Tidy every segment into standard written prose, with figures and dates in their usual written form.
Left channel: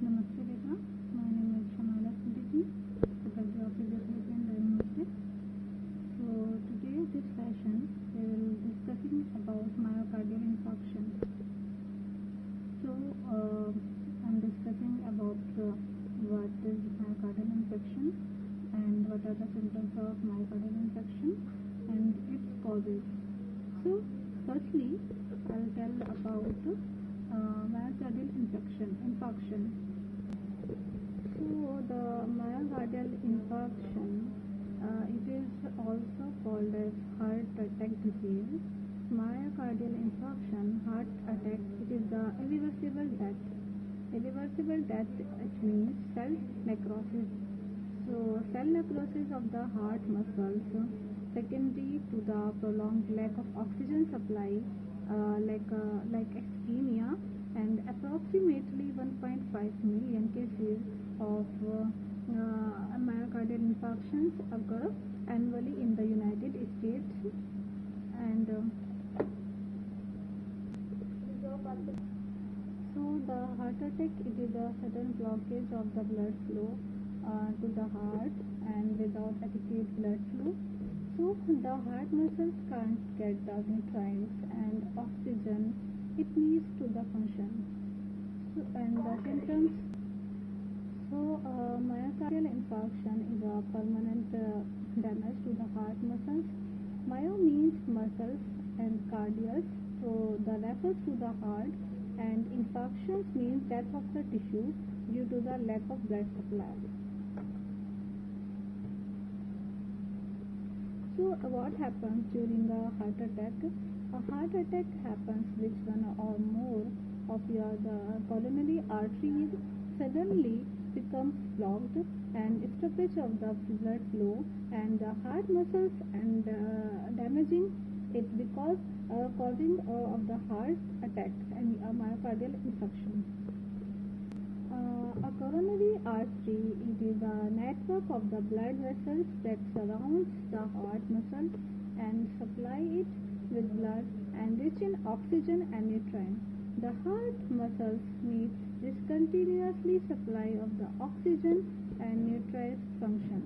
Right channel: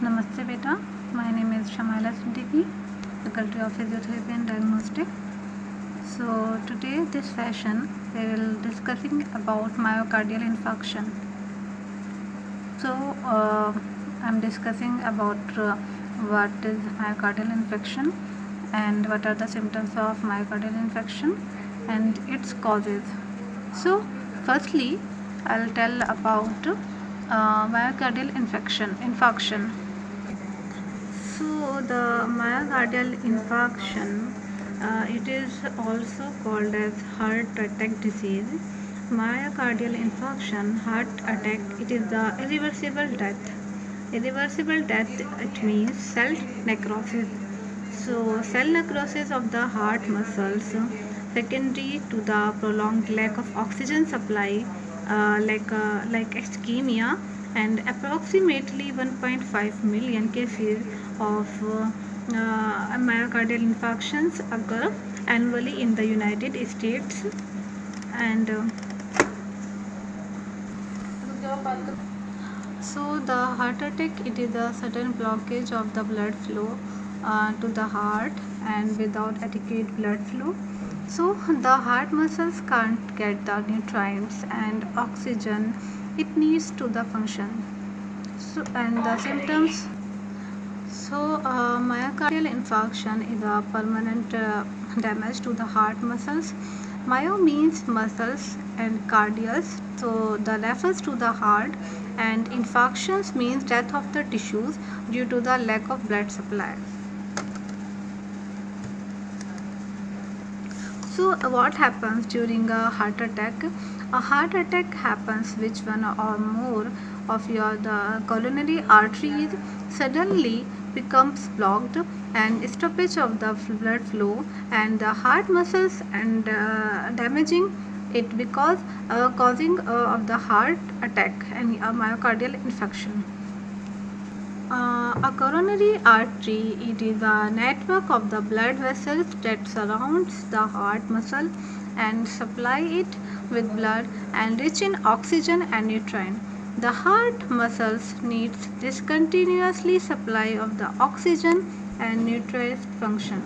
Namaste beta, my name is Shamaila Siddiqui, Faculty of Physiotherapy and Diagnostic. So today this session we will discussing about myocardial infarction. So I'm discussing about what is myocardial infarction and what are the symptoms of myocardial infarction and its causes. So firstly I'll tell about myocardial infarction. So the myocardial infarction, it is also called as heart attack disease. Myocardial infarction, heart attack, it is the irreversible death. Irreversible death, it means cell necrosis. So cell necrosis of the heart muscles secondary to the prolonged lack of oxygen supply, like ischemia, and approximately 1.5 million cases of myocardial infarctions occur annually in the United States. And so the heart attack, it is a sudden blockage of the blood flow to the heart, and without adequate blood flow, so the heart muscles can't get the nutrients and oxygen it needs to the function. So and the symptoms. So myocardial infarction is a permanent damage to the heart muscles. Myo means muscles and cardias, so the refers to the heart, and infarctions means death of the tissues due to the lack of blood supply. So what happens during a heart attack? A heart attack happens which one or more of the coronary arteries suddenly becomes blocked, and stoppage of the blood flow and the heart muscles, and damaging it because causing of the heart attack and a myocardial infarction. A coronary artery, it is a network of the blood vessels that surrounds the heart muscle and supply it with blood and rich in oxygen and nutrient. The heart muscles needs this continuously supply of the oxygen and nutrient function.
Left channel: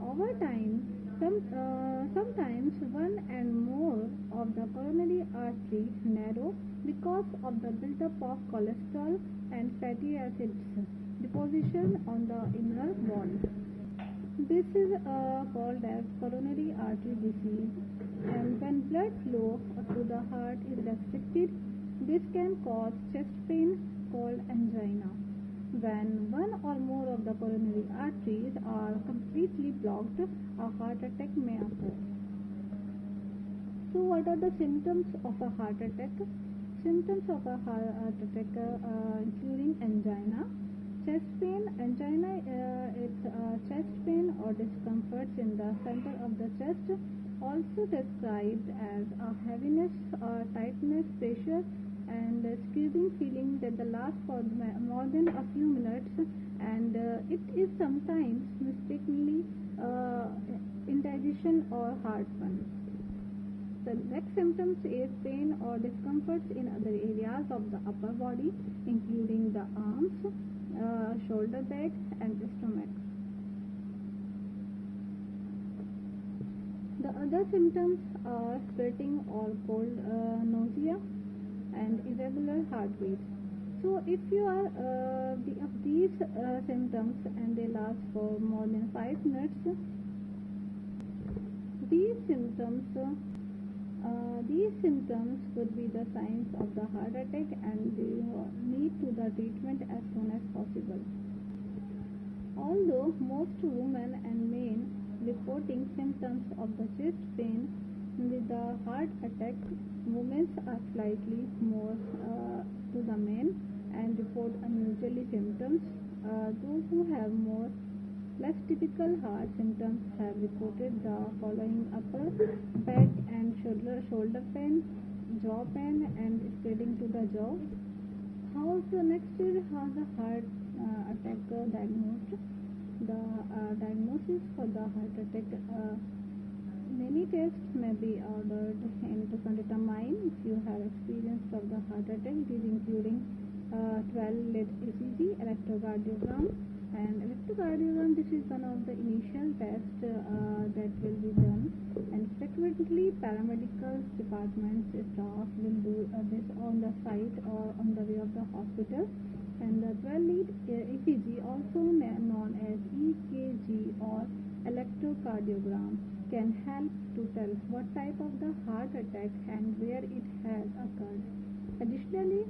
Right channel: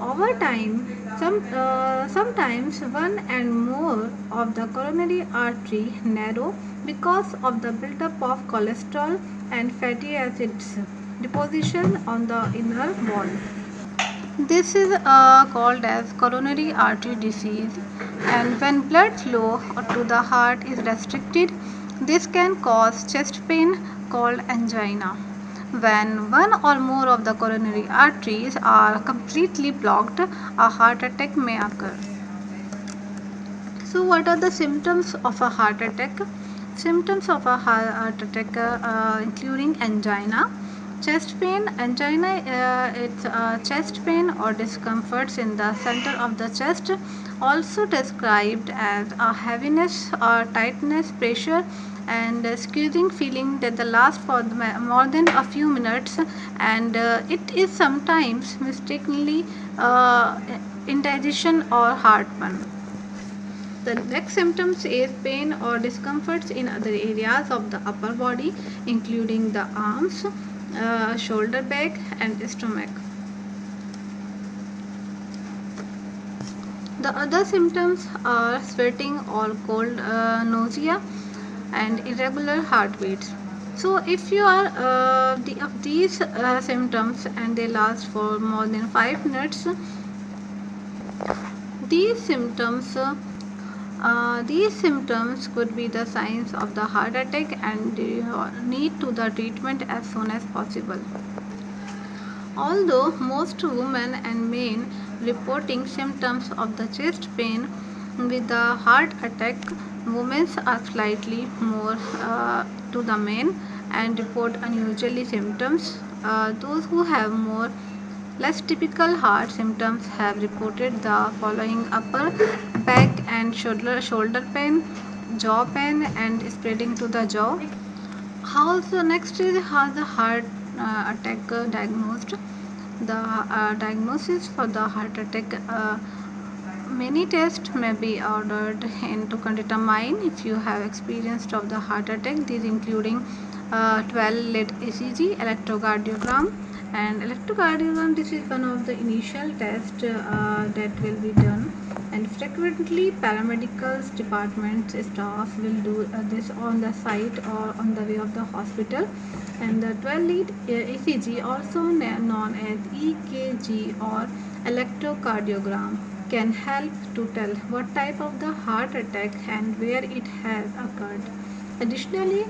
Over time, sometimes one and more of the coronary artery narrow because of the buildup of cholesterol and fatty acids deposition on the inner wall. This is called as coronary artery disease, and when blood flow to the heart is restricted, this can cause chest pain called angina. When one or more of the coronary arteries are completely blocked, a heart attack may occur. So what are the symptoms of a heart attack? Symptoms of a heart attack including angina, chest pain. Angina, it's chest pain or discomforts in the center of the chest, also described as a heaviness or tightness, pressure and squeezing feeling that the last for more than a few minutes, and it is sometimes mistakenly indigestion or heartburn. The next symptoms is pain or discomforts in other areas of the upper body, including the arms, shoulder, back and stomach. The other symptoms are sweating or cold, nausea and irregular heartbeats. So if you are of these symptoms and they last for more than 5 minutes, these symptoms could be the signs of the heart attack, and you need to the treatment as soon as possible. Although most women and men reporting symptoms of the chest pain with the heart attack, women are slightly more to the men and report unusually symptoms. Those who have less typical heart symptoms have reported the following: upper back and shoulder pain, jaw pain and spreading to the jaw. Next is how the heart attack diagnosed. The diagnosis for the heart attack, many tests may be ordered to determine if you have experienced of the heart attack. These including 12-lead ECG, electrocardiogram. And electrocardiogram, this is one of the initial tests that will be done, and frequently paramedical department staff will do this on the site or on the way of the hospital. And the 12-lead ECG, also known as EKG or electrocardiogram, can help to tell what type of the heart attack and where it has occurred. Additionally,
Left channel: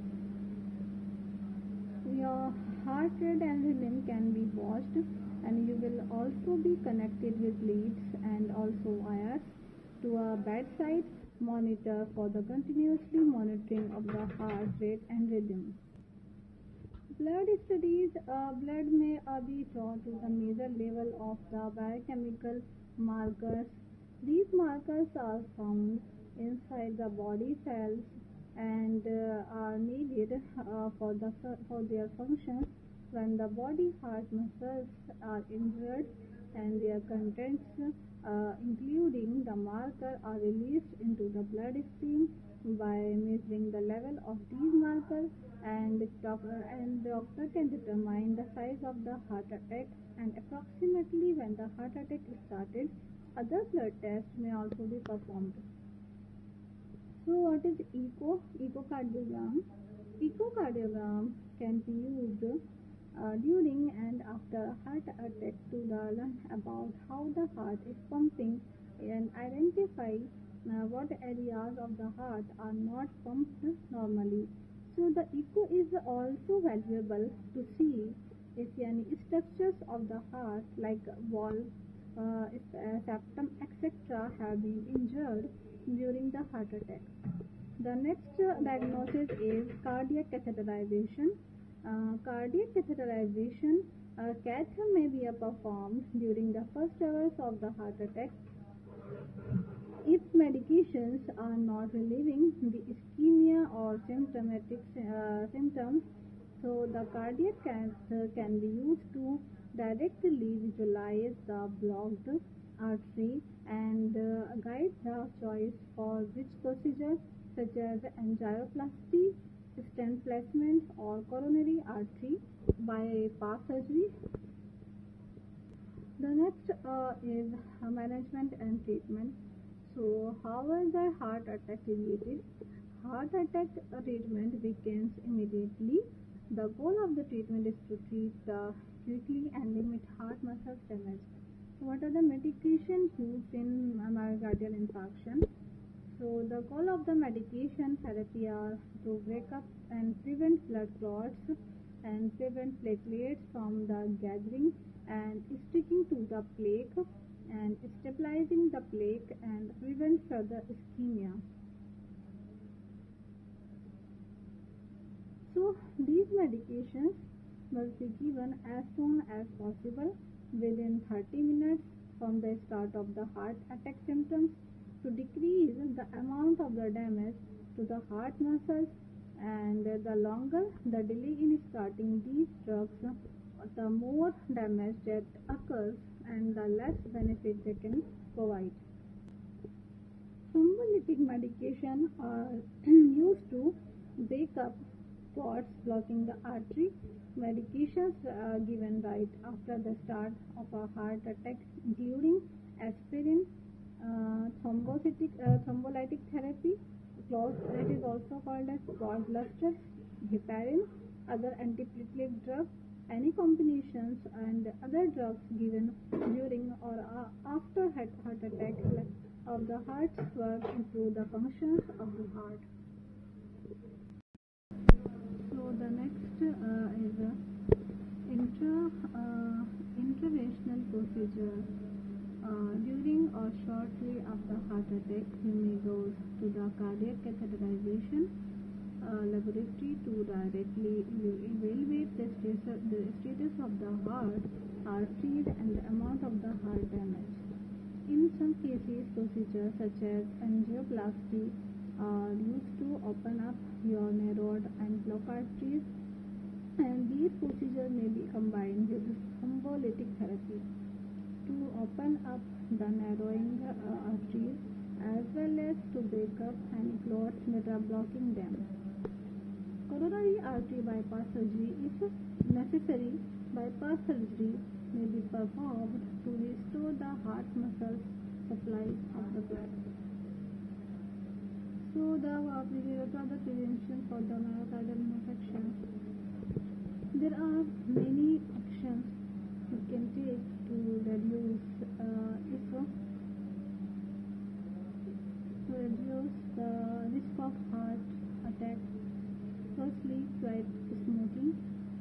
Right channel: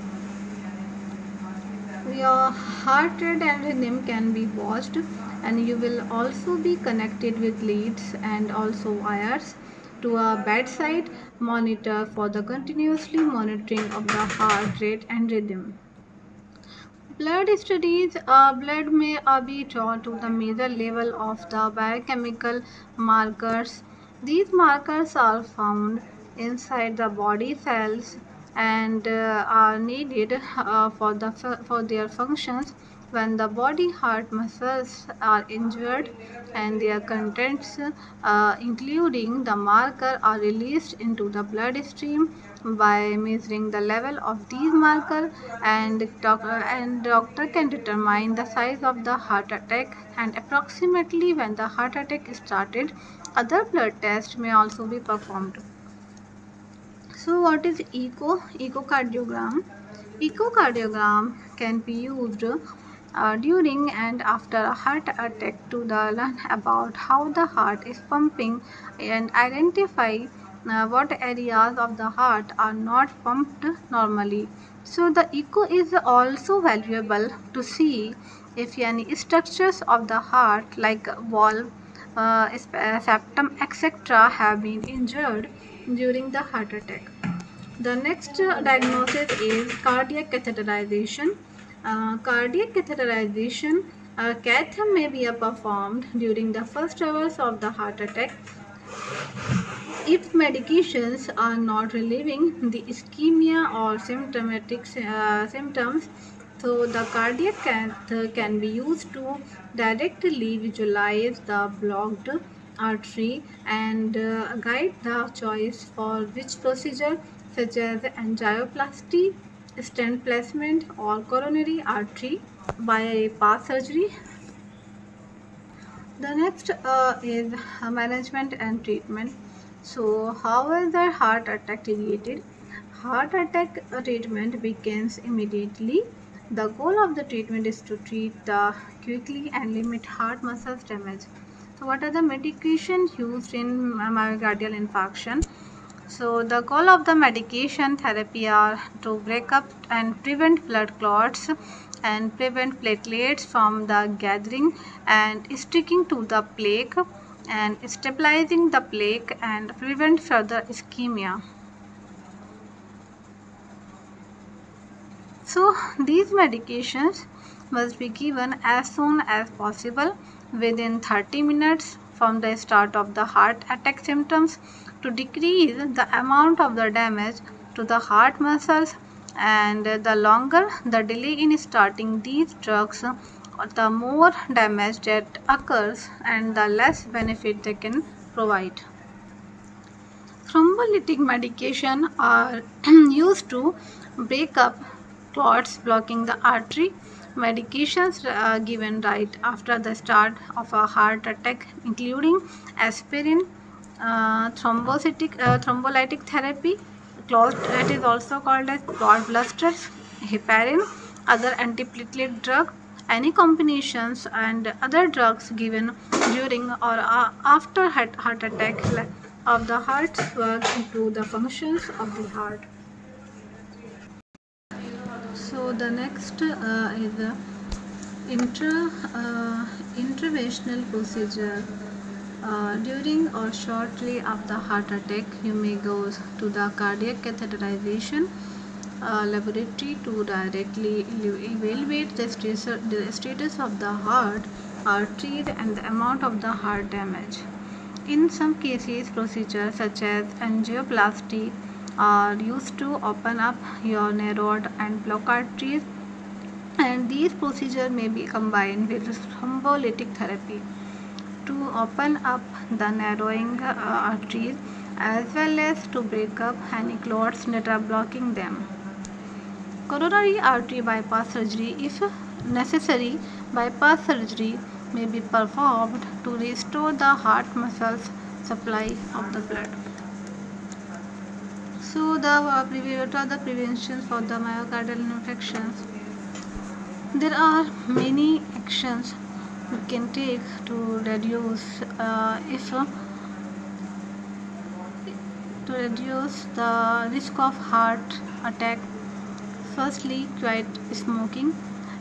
your heart rate and rhythm can be watched, and you will also be connected with leads and also wires to a bedside monitor for the continuously monitoring of the heart rate and rhythm. Blood studies. Blood may be drawn to the measure level of the biochemical markers. These markers are found inside the body cells and are needed for their functions when the body heart muscles are injured, and their contents including the marker are released into the bloodstream. By measuring the level of these markers, and doctor can determine the size of the heart attack and approximately when the heart attack started. Other blood tests may also be performed. So what is echocardiogram? Echocardiogram can be used during and after a heart attack to learn about how the heart is pumping and identify what areas of the heart are not pumped normally. So the echo is also valuable to see if any structures of the heart like valve, septum, etc. have been injured during the heart attack. The next diagnosis is cardiac catheterization. Cardiac catheterization, cath may be performed during the first hours of the heart attack if medications are not relieving the ischemia or symptomatic symptoms. So the cardiac cath can be used to directly visualize the blocked artery and guide the choice for which procedure, such as angioplasty, stent placement, or coronary artery bypass surgery. The next is management and treatment. So how is the heart attack treated? Heart attack treatment begins immediately. The goal of the treatment is to treat quickly and limit heart muscles damage. So what are the medication used in myocardial infarction? So the goal of the medication therapy are to break up and prevent blood clots and prevent platelets from the gathering and sticking to the plaque and stabilizing the plaque and prevent further ischemia. So these medications must be given as soon as possible within 30 minutes from the start of the heart attack symptoms to decrease the amount of the damage to the heart muscles, and the longer the delay in starting these drugs, the more damage that occurs and the less benefit they can provide. Thrombolytic medication are used to break up clots blocking the artery. Medications given right after the start of a heart attack including aspirin, thrombolytic therapy, that is also called as clot busters, heparin, other antiplatelet drug, any combinations and other drugs given during or after heart attack of the heart work improve the functions of the heart. So the next is interventional procedure. During or shortly after heart attack, you may go to the cardiac catheterization laboratory to directly evaluate the status of the heart, arteries, and the amount of the heart damage. In some cases, procedures such as angioplasty are used to open up your narrowed and blocked arteries, and these procedures may be combined with thrombolytic therapy to open up the narrowing arteries as well as to break up any clots that are blocking them. Coronary artery bypass surgery, if necessary, bypass surgery may be performed to restore the heart muscles supply of the blood. So what are the preventions for the myocardial infarctions? There are many actions you can take to reduce the risk of heart attack. Firstly, quit smoking,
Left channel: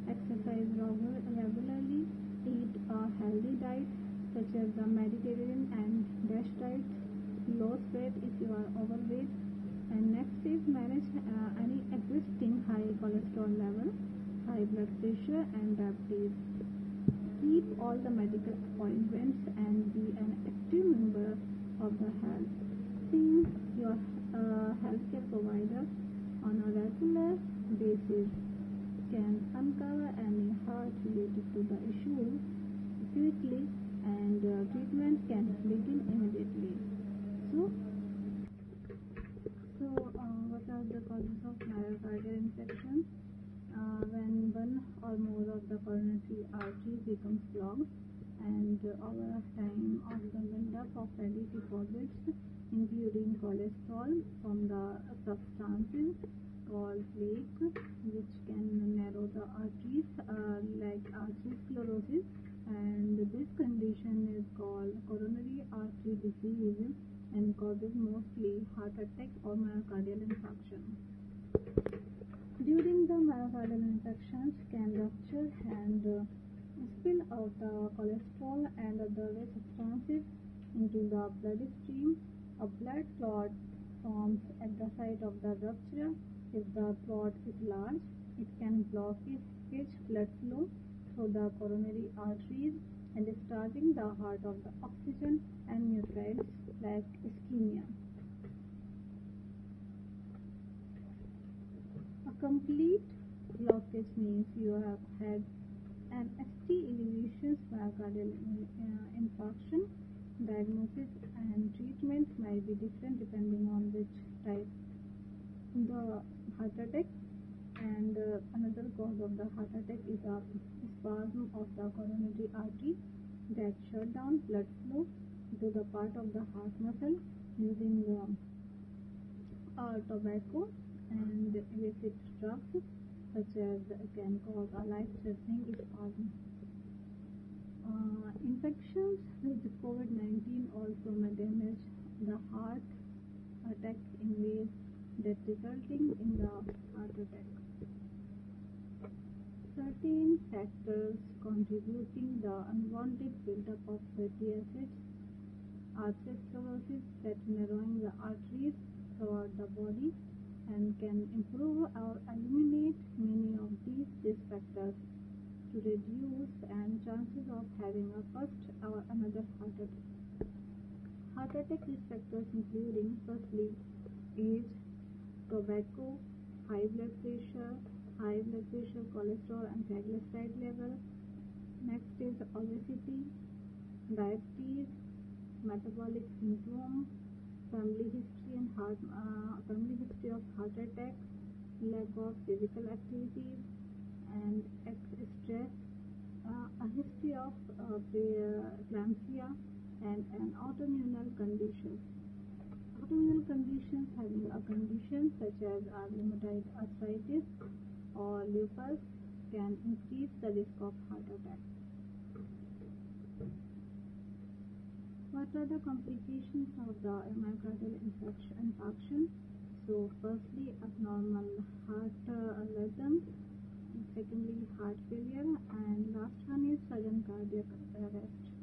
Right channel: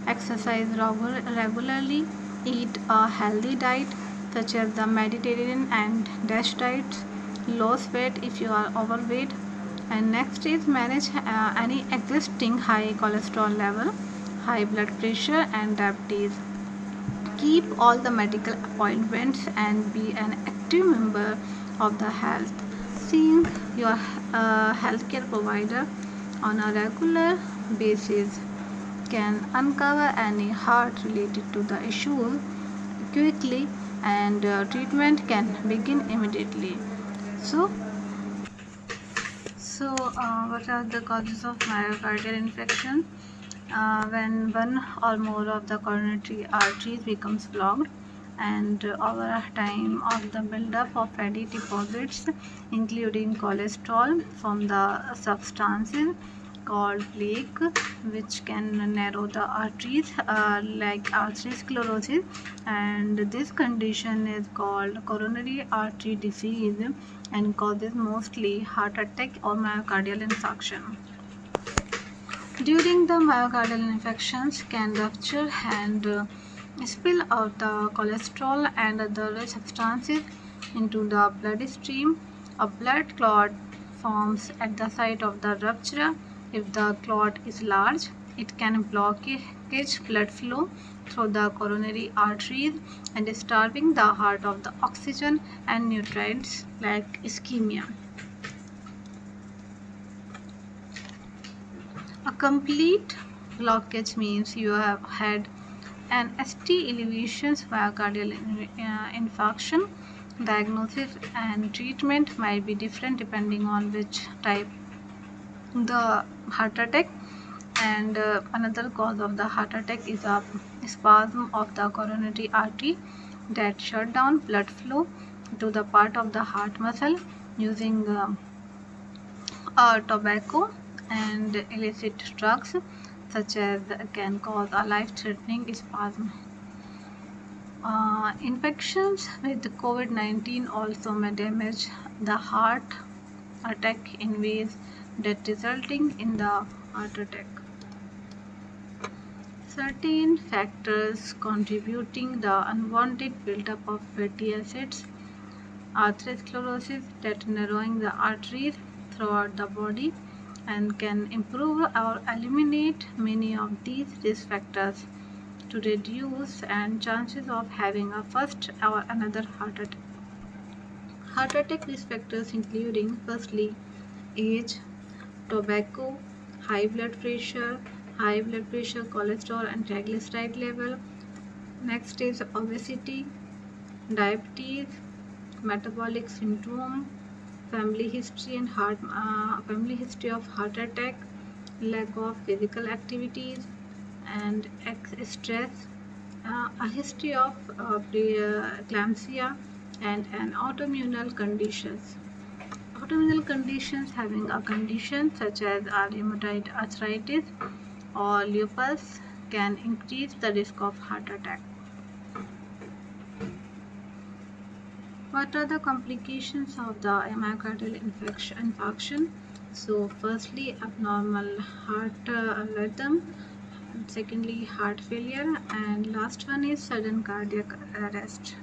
exercise regularly, eat a healthy diet such as the Mediterranean and DASH diets, lose weight if you are overweight, and next is manage any existing high cholesterol level, high blood pressure and diabetes. Keep all the medical appointments and be an active member of the health. Seeing your healthcare provider on a regular basis can uncover any heart related to the issue quickly, and treatment can begin immediately. So what are the causes of myocardial infarction? When one or more of the coronary arteries becomes blocked, and over time of the buildup of fatty deposits including cholesterol from the substances called plaque, which can narrow the arteries like arteriosclerosis, and this condition is called coronary artery disease and causes mostly heart attack or myocardial infarction. During the myocardial infarctions can rupture and spill out the cholesterol and other substances into the bloodstream. A blood clot forms at the site of the rupture. If the clot is large, it can blockage blood flow through the coronary arteries and starving the heart of the oxygen and nutrients like ischemia. A complete blockage means you have had an ST elevation myocardial infarction. Diagnosis and treatment might be different depending on which type the heart attack, and another cause of the heart attack is a spasm of the coronary artery that shut down blood flow to the part of the heart muscle. Using tobacco and illicit drugs such as can cause a life-threatening spasm. Infections with COVID-19 also may damage the heart attack in ways that resulting in the heart attack. Certain factors contributing the unwanted buildup of fatty acids, atherosclerosis that narrowing the arteries throughout the body, and can improve or eliminate many of these risk factors to reduce and chances of having a first or another heart attack. Heart attack risk factors including firstly age, tobacco, high blood pressure, cholesterol and triglyceride level. Next is obesity, diabetes, metabolic syndrome, family history of heart attack, lack of physical activities and stress, a history of preeclampsia, and an autoimmune conditions. Autoimmune conditions having a condition such as rheumatoid arthritis or lupus can increase the risk of heart attack. What are the complications of the myocardial infarction? So firstly, abnormal heart rhythm, secondly heart failure, and last one is sudden cardiac arrest.